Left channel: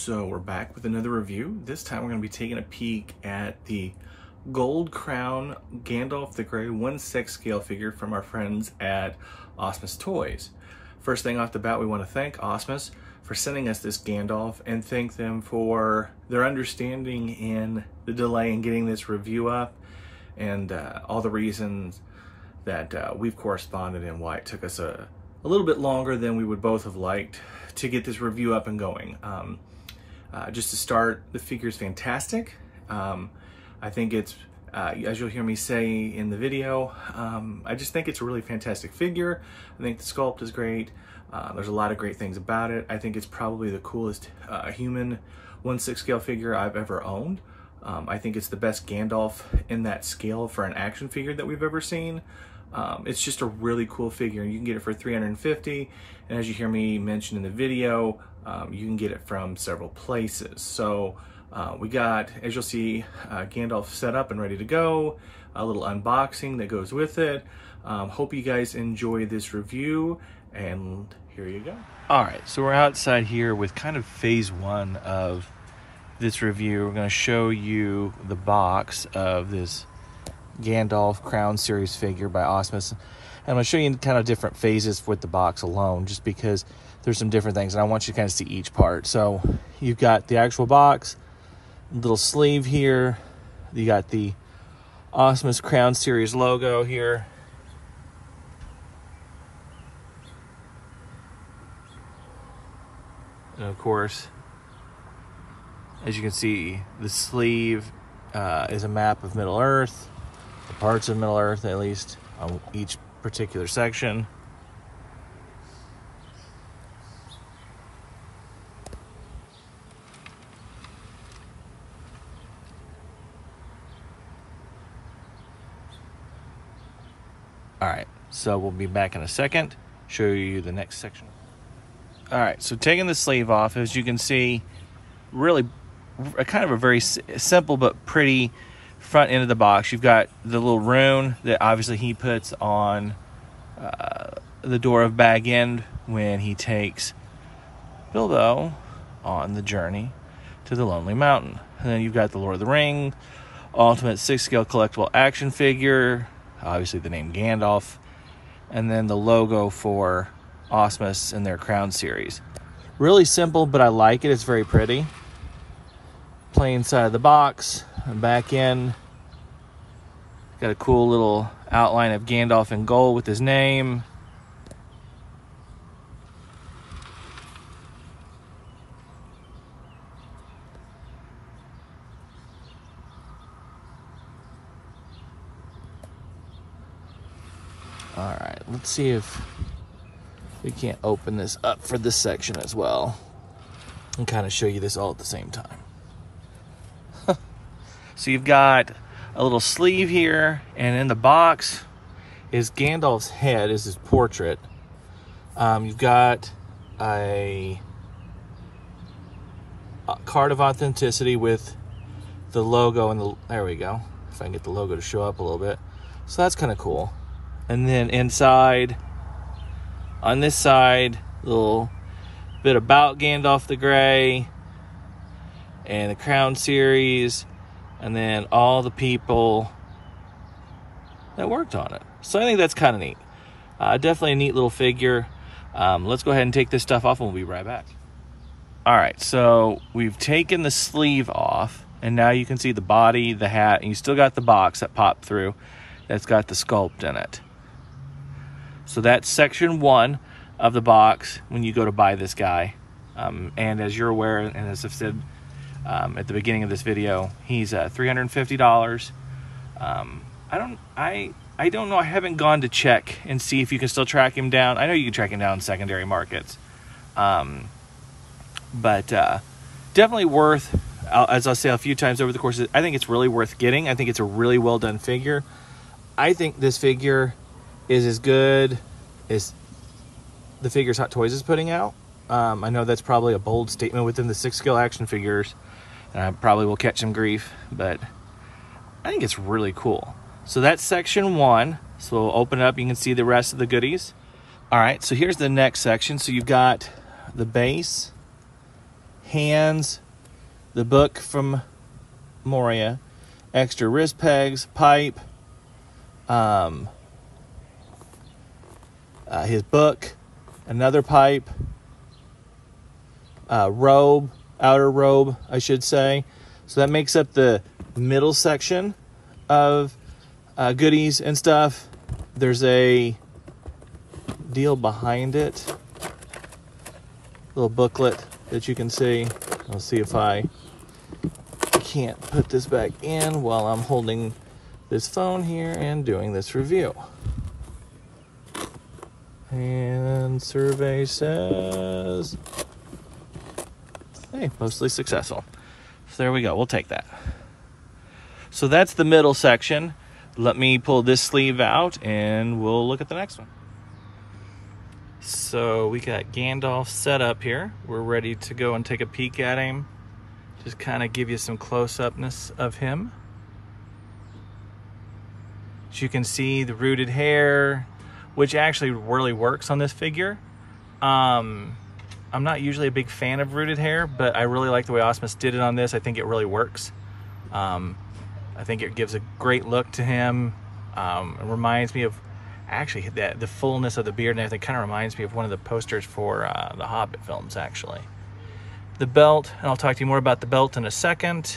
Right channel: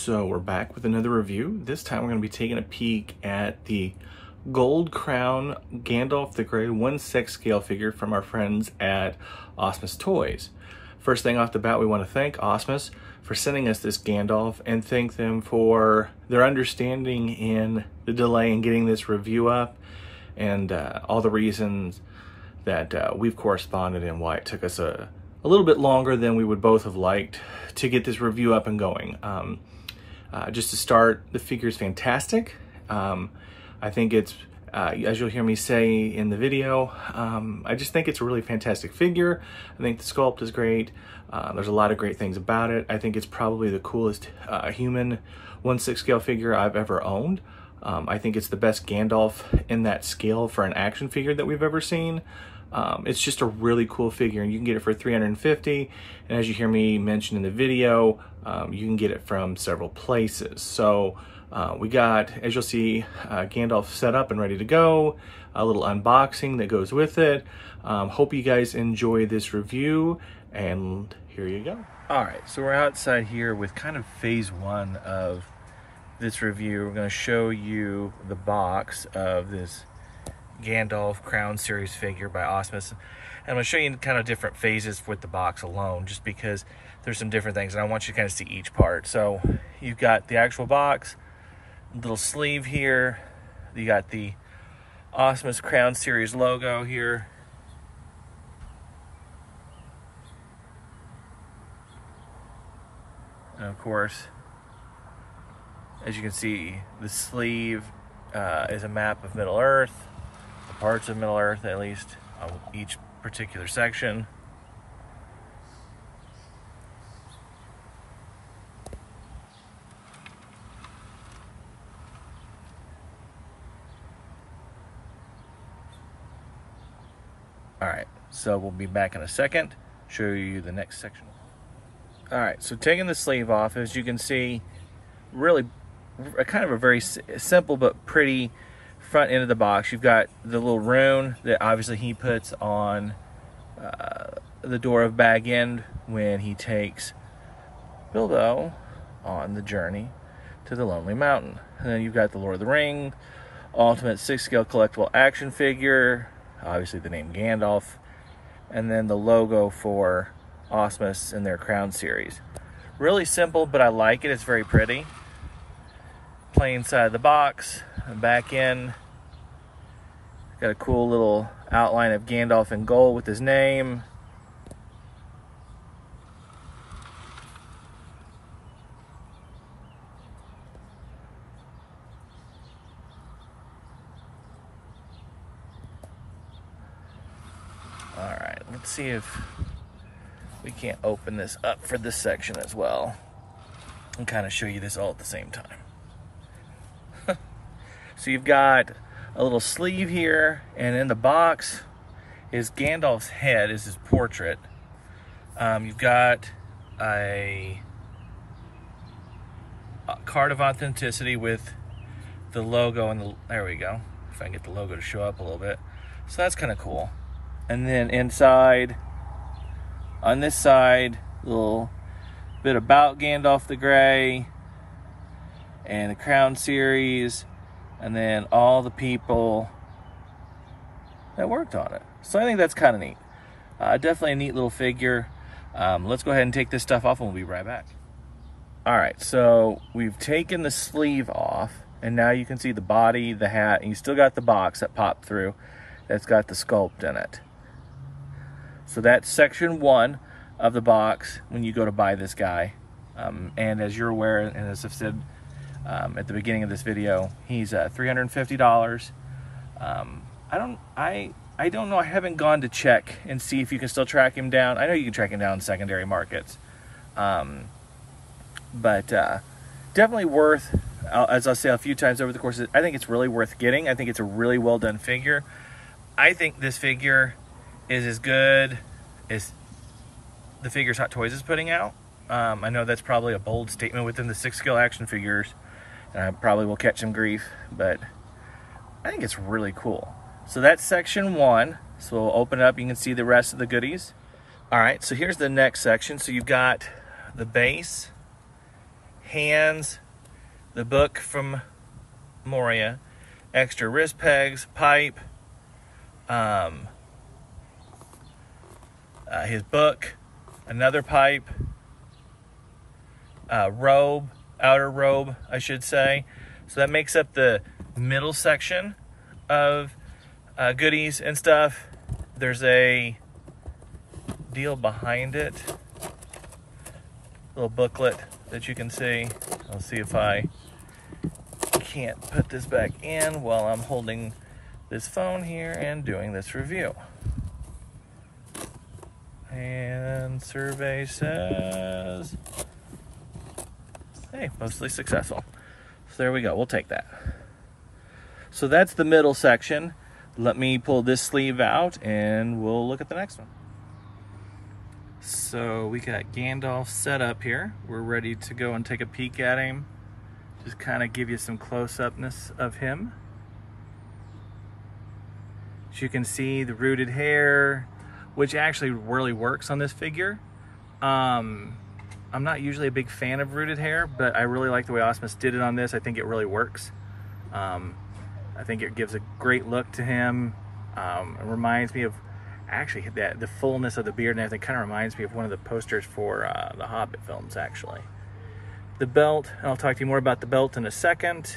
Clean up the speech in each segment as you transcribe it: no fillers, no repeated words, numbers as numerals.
So we're back with another review. This time we're going to be taking a peek at the Gold Crown Gandalf the Grey 1/6 scale figure from our friends at Asmus Toys. First thing off the bat, we want to thank Asmus for sending us this Gandalf and thank them for their understanding in the delay in getting this review up and all the reasons that we've corresponded and why it took us a little bit longer than we would both have liked to get this review up and going. Just to start, the figure is fantastic. I think it's, as you'll hear me say in the video, I just think it's a really fantastic figure. I think the sculpt is great. There's a lot of great things about it. I think it's probably the coolest human 1/6 scale figure I've ever owned. I think it's the best Gandalf in that scale for an action figure that we've ever seen. It's just a really cool figure, and you can get it for $350, and as you hear me mention in the video, you can get it from several places. So we got, as you'll see, Gandalf set up and ready to go, a little unboxing that goes with it. Hope you guys enjoy this review, and here you go. All right, so we're outside here with kind of phase one of this review. We're going to show you the box of this Gandalf Crown Series figure by Asmus. And I'm going to show you kind of different phases with the box alone, just because there's some different things, and I want you to kind of see each part. So you've got the actual box, little sleeve here. You got the Asmus Crown Series logo here. And of course, as you can see, the sleeve is a map of Middle Earth, parts of Middle Earth at least, on each particular section. All right, so we'll be back in a second, show you the next section. All right, so taking the sleeve off, as you can see, really kind of a very simple but pretty front end of the box. You've got the little rune that obviously he puts on the door of Bag End when he takes Bilbo on the journey to the Lonely Mountain. And then you've got the Lord of the Ring Ultimate 6 scale collectible action figure, obviously the name Gandalf, and then the logo for Asmus in their Crown series. Really simple, but I like it. It's very pretty. Plain side of the box, and back in, got a cool little outline of Gandalf in gold with his name. All right, let's see if we can't open this up for this section as well and kind of show you this all at the same time. So you've got a little sleeve here, and in the box is Gandalf's head, is his portrait. You've got a card of authenticity with the logo, and there we go. If I can get the logo to show up a little bit. So that's kind of cool. And then inside, on this side, a little bit about Gandalf the Grey and the Crown series, and then all the people that worked on it. So I think that's kind of neat. Definitely a neat little figure. Let's go ahead and take this stuff off and we'll be right back. All right, so we've taken the sleeve off, and now you can see the body, the hat, and you still got the box that popped through that's got the sculpt in it. So that's section one of the box when you go to buy this guy. And as you're aware, and as I've said at the beginning of this video, he's $350. I don't know. I haven't gone to check and see if you can still track him down. I know you can track him down in secondary markets, but definitely worth. As I'll say a few times over the course, I think it's really worth getting. I think it's a really well done figure. I think this figure is as good as the figures Hot Toys is putting out. I know that's probably a bold statement within the 6 scale action figures, and I probably will catch some grief, but I think it's really cool. So that's section one. So we'll open it up, you can see the rest of the goodies. All right, so here's the next section. So you've got the base hands, the book from Moria, extra wrist pegs, pipe, his book, another pipe, robe, outer robe, I should say. So that makes up the middle section of goodies and stuff. There's a deal behind it, little booklet that you can see. I'll see if I can't put this back in while I'm holding this phone here and doing this review. And survey says, hey, mostly successful. So there we go, we'll take that. So that's the middle section. Let me pull this sleeve out and we'll look at the next one. So we got Gandalf set up here. We're ready to go and take a peek at him. Just kind of give you some close-upness of him. As you can see, the rooted hair, which actually really works on this figure. I'm not usually a big fan of rooted hair, but I really like the way Asmus did it on this. I think it really works. I think it gives a great look to him. It reminds me of, actually, the fullness of the beard and everything kind of reminds me of one of the posters for the Hobbit films, actually. The belt, and I'll talk to you more about the belt in a second.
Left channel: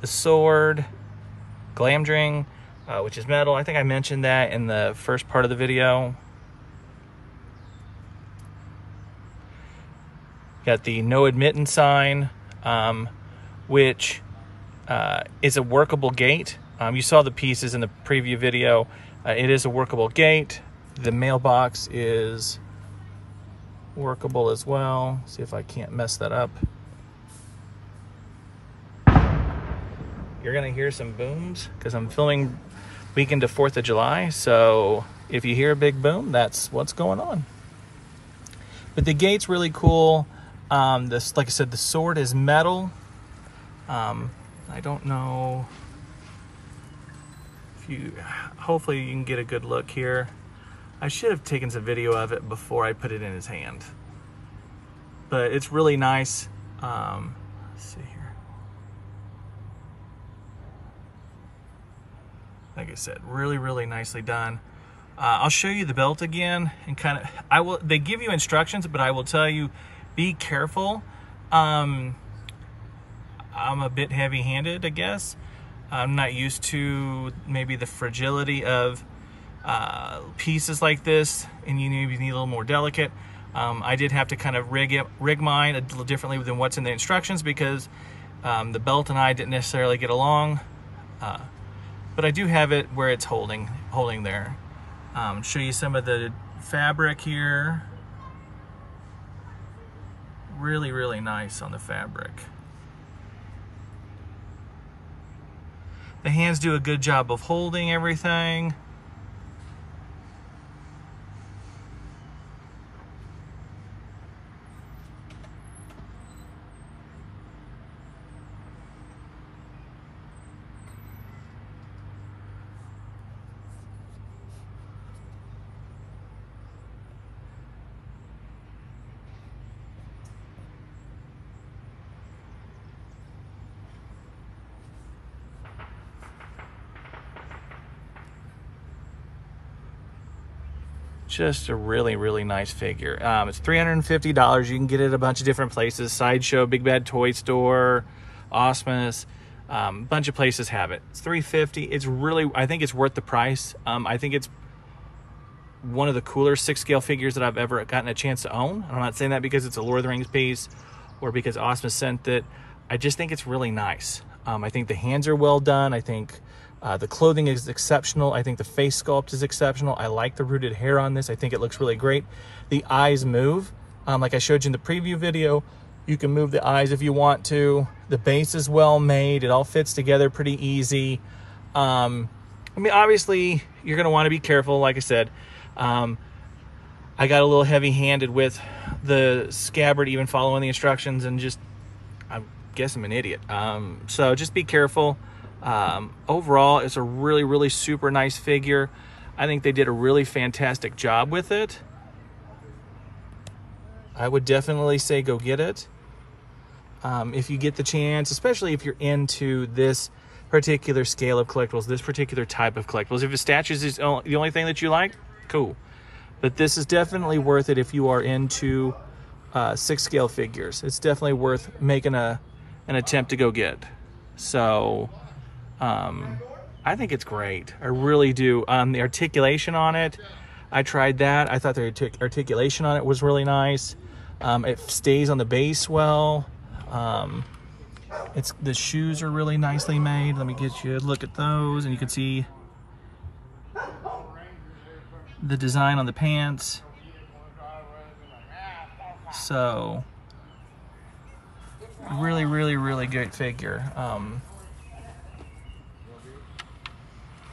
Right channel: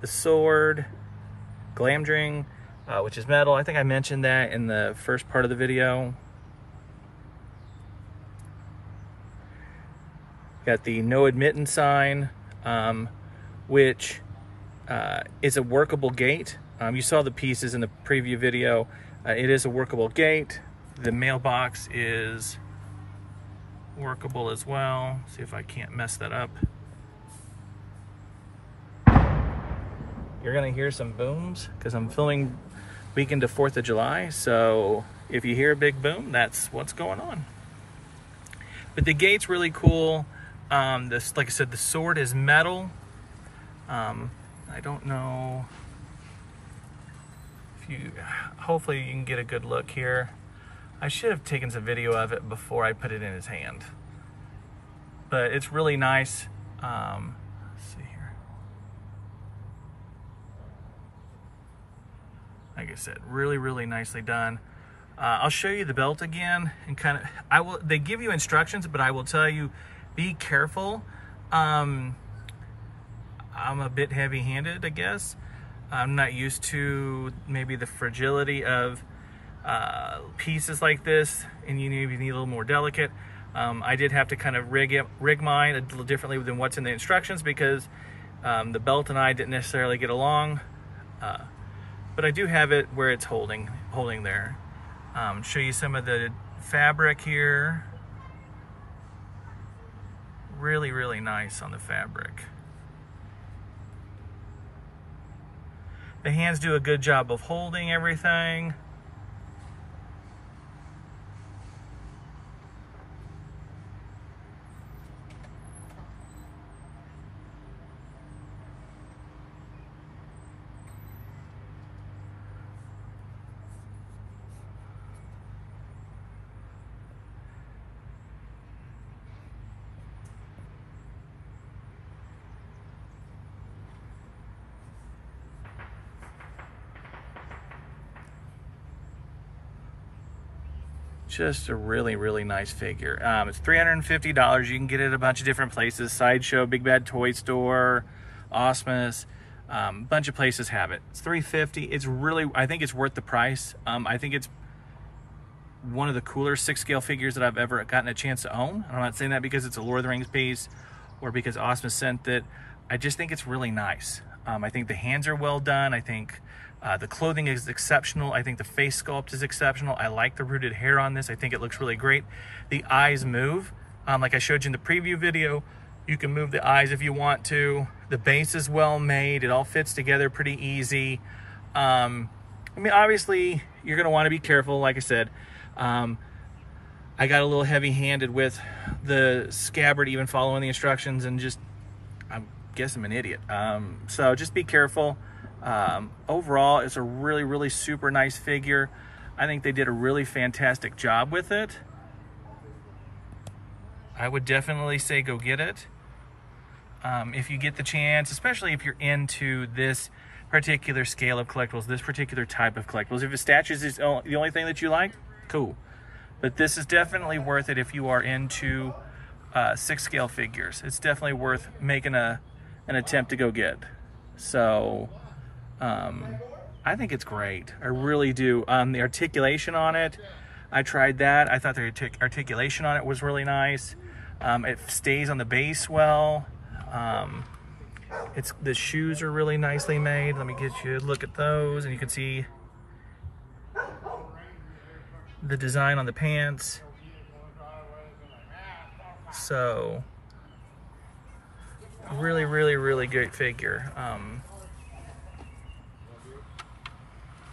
The sword, Glamdring, which is metal. I think I mentioned that in the first part of the video. Got the no admittance sign, which is a workable gate. You saw the pieces in the preview video. It is a workable gate. The mailbox is workable as well. See if I can't mess that up. You're gonna hear some booms because I'm filming weekend of 4th of July. So if you hear a big boom, that's what's going on. But the gate's really cool. This, like I said, the sword is metal. I don't know if you, hopefully you can get a good look here. I should have taken some video of it before I put it in his hand. But it's really nice. Let's see here. Like I said, really, really nicely done. I'll show you the belt again and kind of, they give you instructions, but I will tell you, be careful. I'm a bit heavy-handed, I guess. I'm not used to maybe the fragility of pieces like this, and you need a little more delicate. I did have to kind of rig mine a little differently than what's in the instructions because the belt and I didn't necessarily get along. But I do have it where it's holding there. Show you some of the fabric here. Really, really nice on the fabric. The hands do a good job of holding everything. Just a really, really nice figure. It's $350. You can get it at a bunch of different places. Sideshow, Big Bad Toy Store, Asmus, a bunch of places have it. It's $350. It's really, I think it's worth the price. I think it's one of the cooler 6-scale figures that I've ever gotten a chance to own. I'm not saying that because it's a Lord of the Rings piece or because Asmus sent it. I just think it's really nice. I think the hands are well done. I think the clothing is exceptional. I think the face sculpt is exceptional. I like the rooted hair on this. I think it looks really great. The eyes move. Like I showed you in the preview video, you can move the eyes if you want to. The base is well made. It all fits together pretty easy. I mean, obviously, you're going to want to be careful. Like I said, I got a little heavy-handed with the scabbard, even following the instructions, and just, I guess I'm an idiot. So just be careful. Overall, it's a really, really super nice figure. I think they did a really fantastic job with it. I would definitely say go get it. if you get the chance, especially if you're into this particular scale of collectibles, this particular type of collectibles. If the statues is the only thing that you like, cool. But this is definitely worth it if you are into 6 scale figures. It's definitely worth making an attempt to go get. So I think it's great. I really do. The articulation on it, I tried that. I thought the articulation on it was really nice. It stays on the base well. The shoes are really nicely made. Let me get you a look at those, and you can see the design on the pants. So really, really, really great figure.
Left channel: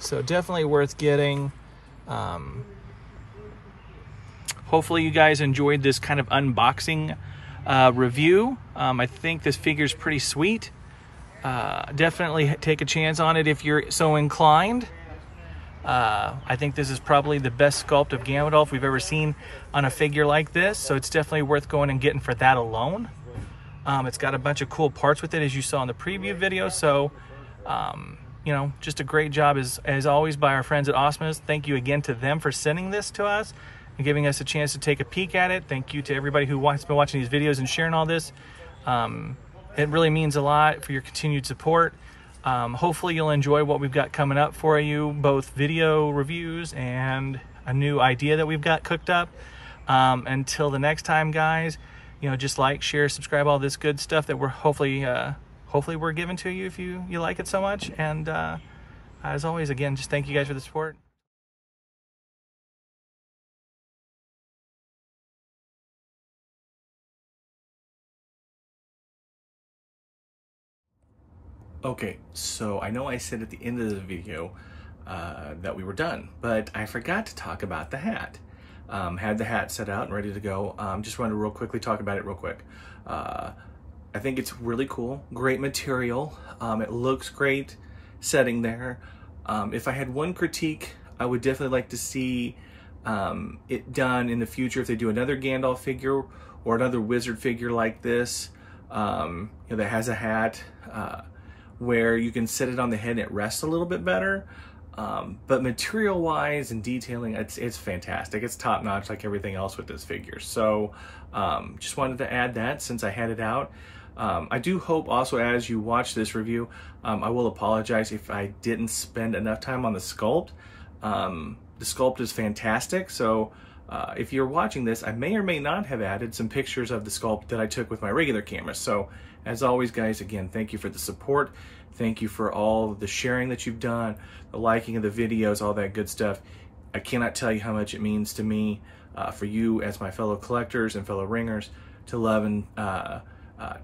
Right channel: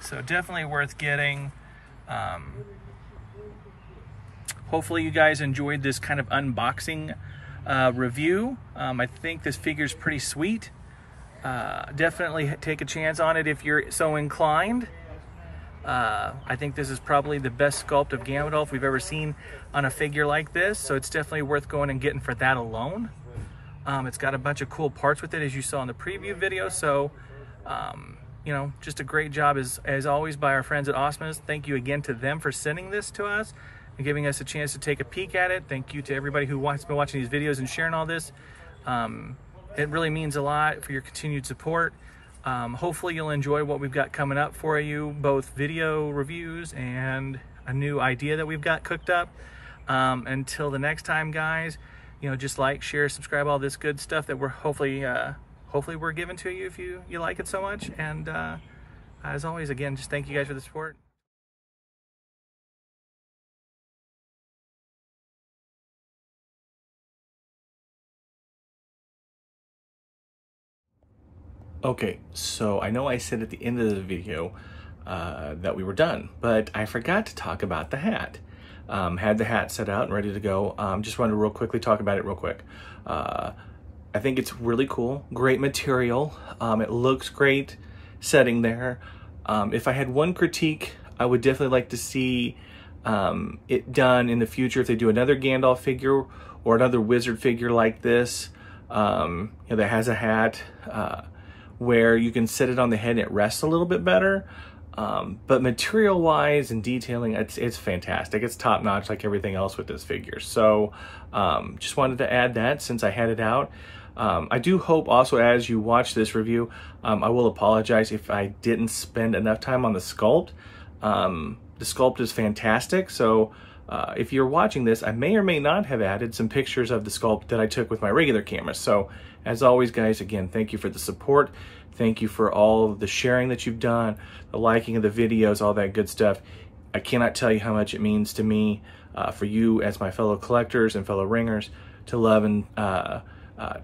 So definitely worth getting. Hopefully you guys enjoyed this kind of unboxing review. I think this figure is pretty sweet. Definitely take a chance on it if you're so inclined. I think this is probably the best sculpt of Gandalf we've ever seen on a figure like this, so it's definitely worth going and getting for that alone. It's got a bunch of cool parts with it, as you saw in the preview video, so you know, just a great job as always by our friends at Asmus. Thank you again to them for sending this to us and giving us a chance to take a peek at it. Thank you to everybody who has been watching these videos and sharing all this. It really means a lot for your continued support. Hopefully you'll enjoy what we've got coming up for you, both video reviews and a new idea that we've got cooked up. Until the next time, guys, you know, just like, share, subscribe, all this good stuff that we're hopefully we're giving to you if you like it so much. And as always, again, just thank you guys for the support. Okay, so I know I said at the end of the video that we were done, but I forgot to talk about the hat. Had the hat set out and ready to go. Just wanted to real quickly talk about it real quick. I think it's really cool, great material. It looks great setting there. If I had one critique, I would definitely like to see it done in the future if they do another Gandalf figure or another wizard figure like this, you know, that has a hat, where you can set it on the head and it rests a little bit better. But material wise and detailing, it's fantastic. It's top notch like everything else with this figure. So just wanted to add that since I had it out. I do hope also as you watch this review, I will apologize if I didn't spend enough time on the sculpt. The sculpt is fantastic. So if you're watching this, I may or may not have added some pictures of the sculpt that I took with my regular camera. So as always, guys, again, thank you for the support. Thank you for all the sharing that you've done, the liking of the videos, all that good stuff. I cannot tell you how much it means to me, for you as my fellow collectors and fellow ringers, to love and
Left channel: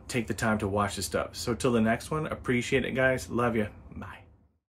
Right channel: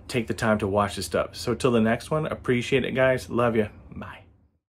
take the time to watch this stuff. So till the next one, appreciate it, guys. Love you. Bye.